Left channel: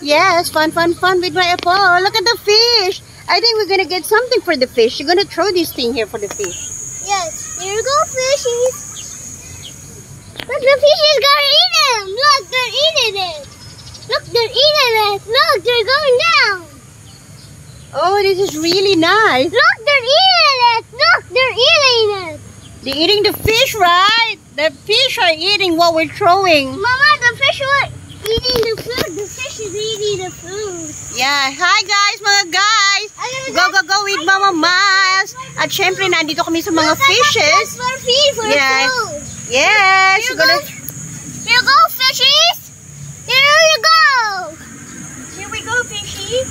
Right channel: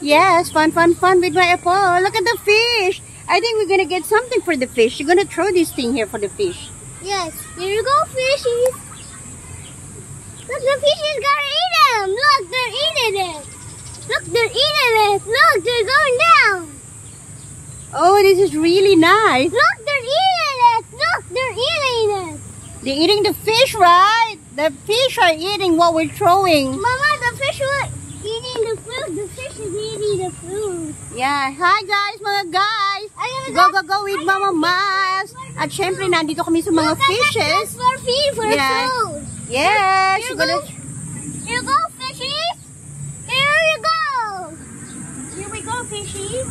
Yes, fun with my apple. Look at the fish. I think we're gonna get something for the fish. You're gonna throw this thing here for the fish. Yes, here you go, fishies. Look, the fish is gonna eat them. Look, they're eating it. Look, they're eating it. Look, they're going down. Oh, this is really nice. Look, they're eating it. Look, they're eating it. They're eating the fish, right? The fish are eating what we're throwing. Mama, the fish were eating the food. The fish is eating the food. Yeah. Hi guys, mga guys. Go with Mama Miles. At syempre, nandito kami sa mga fishes. For feed, for food. Yes. Here you go, fishies. Here you go. Here we go, fishies.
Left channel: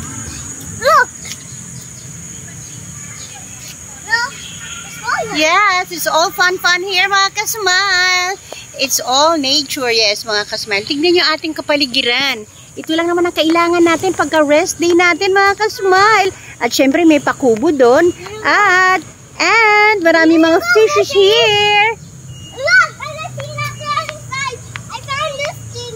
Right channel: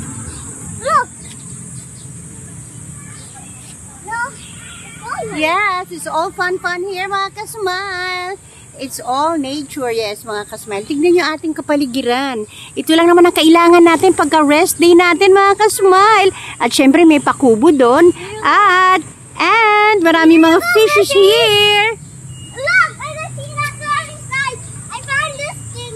Look. Look. Yes, it's all fun here, mga kasmile. It's all nature, yes, mga kasmile. Tingnan nyo ating kapaligiran. Ito lang naman ang kailangan natin pagka-rest day natin, mga kasmile. At syempre, may pakubo doon. And marami mga fishes here. Look, I just see that inside. I found this thing.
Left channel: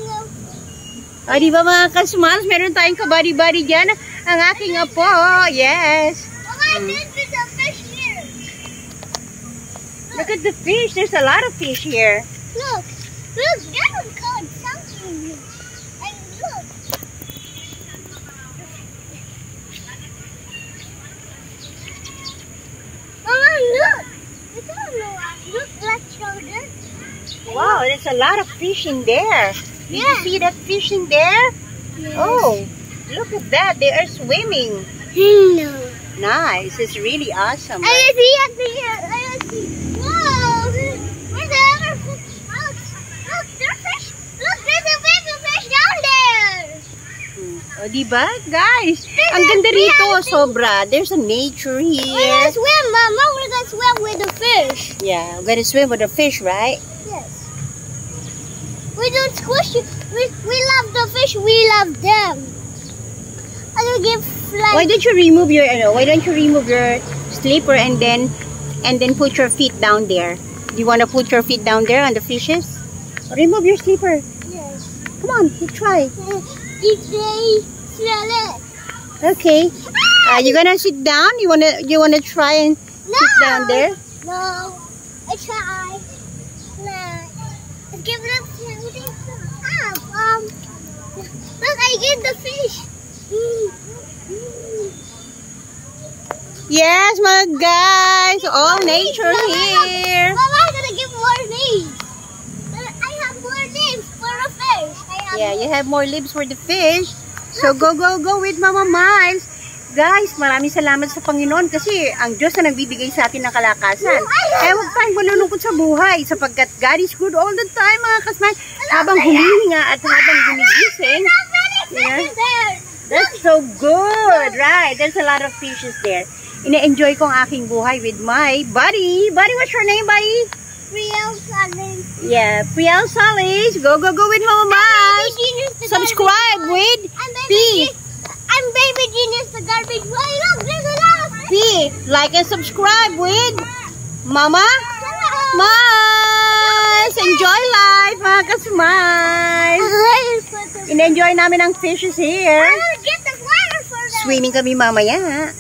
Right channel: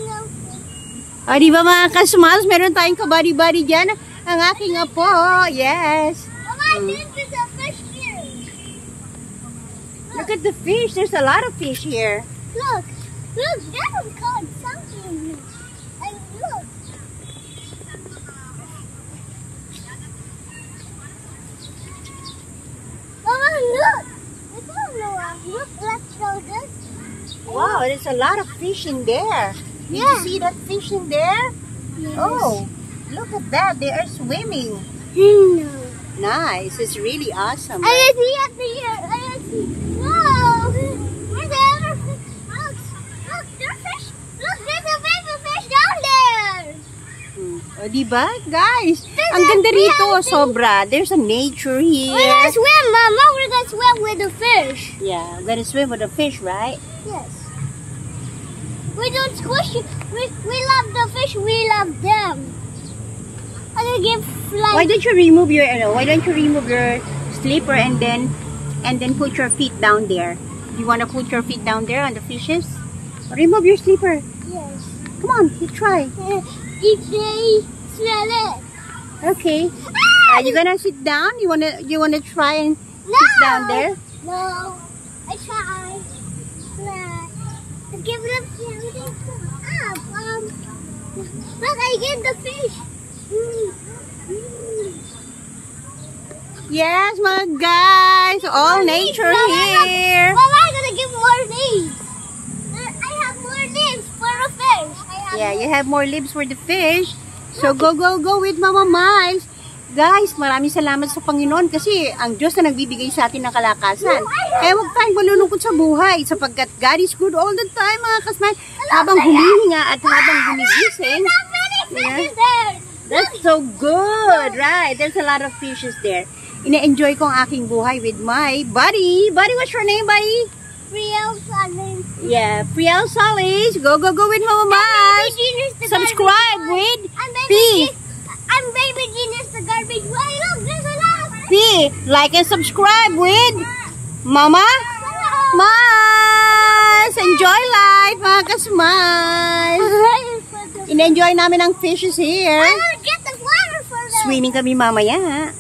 O, diba mga kasmiles, meron tayong kabari-bari dyan. Ang aking apo, yes. This is a fish here. Look at the fish. There's a lot of fish here. Look, that one caught something. And look. Mama, look. It's all look, let's show this. Wow, there's a lot of fish in there. Did you see that fish in there? Yes. Oh, look at that. They are swimming. No. Nice. It's really awesome. I Right? see at the I see. Whoa! Where's the other fish? Look, there's fish. Look, there's a baby fish down there. O, diba? Guys, ang ganda rito. Sobra. There's a nature We're here. gonna swim, Mama. We're gonna swim with the fish. Yeah, we're gonna swim with the fish, right? Yes. We don't squish it. We love the fish. We love them. I'm gonna give fly. Why don't you remove your slipper and then put your feet down there? Do you want to put your feet down there on the fishes? Remove your slipper. Yes. Come on, you try. If they smell it. Okay. You gonna sit down? You wanna try and sit down there? No. I try. Nah. Let's give it up. Look, I get the fish. Yes, my guys. All nature here. Mama, I'm gonna give more names. I have more names for the fish. Yeah, you have more lips for the fish. So go with Mama Miles. Guys, maraming salamat sa Panginoon kasi ang Diyos na nagbibigay sa atin ng kalakasan. Kaya huwag tayong malulungkot sa buhay sapagkat God is good all the time, mga kasmile. Habang humihinga at habang gumigising. Yeah. That's so good, right? There's a lot of fishes there. Ina-enjoy ko ang aking buhay with my buddy. Buddy, what's your name, buddy? Priel Salis. Yeah, Priel Salis. Go with Mama Miles. Subscribe with P. I'm Baby Genius, the garbage. Well, look, there's a lot of P. Like and subscribe with Mama Miles. Enjoy life, mga kasmiles. In-enjoy namin ang fishes here. I will get the water for them. Swimming kami mamaya.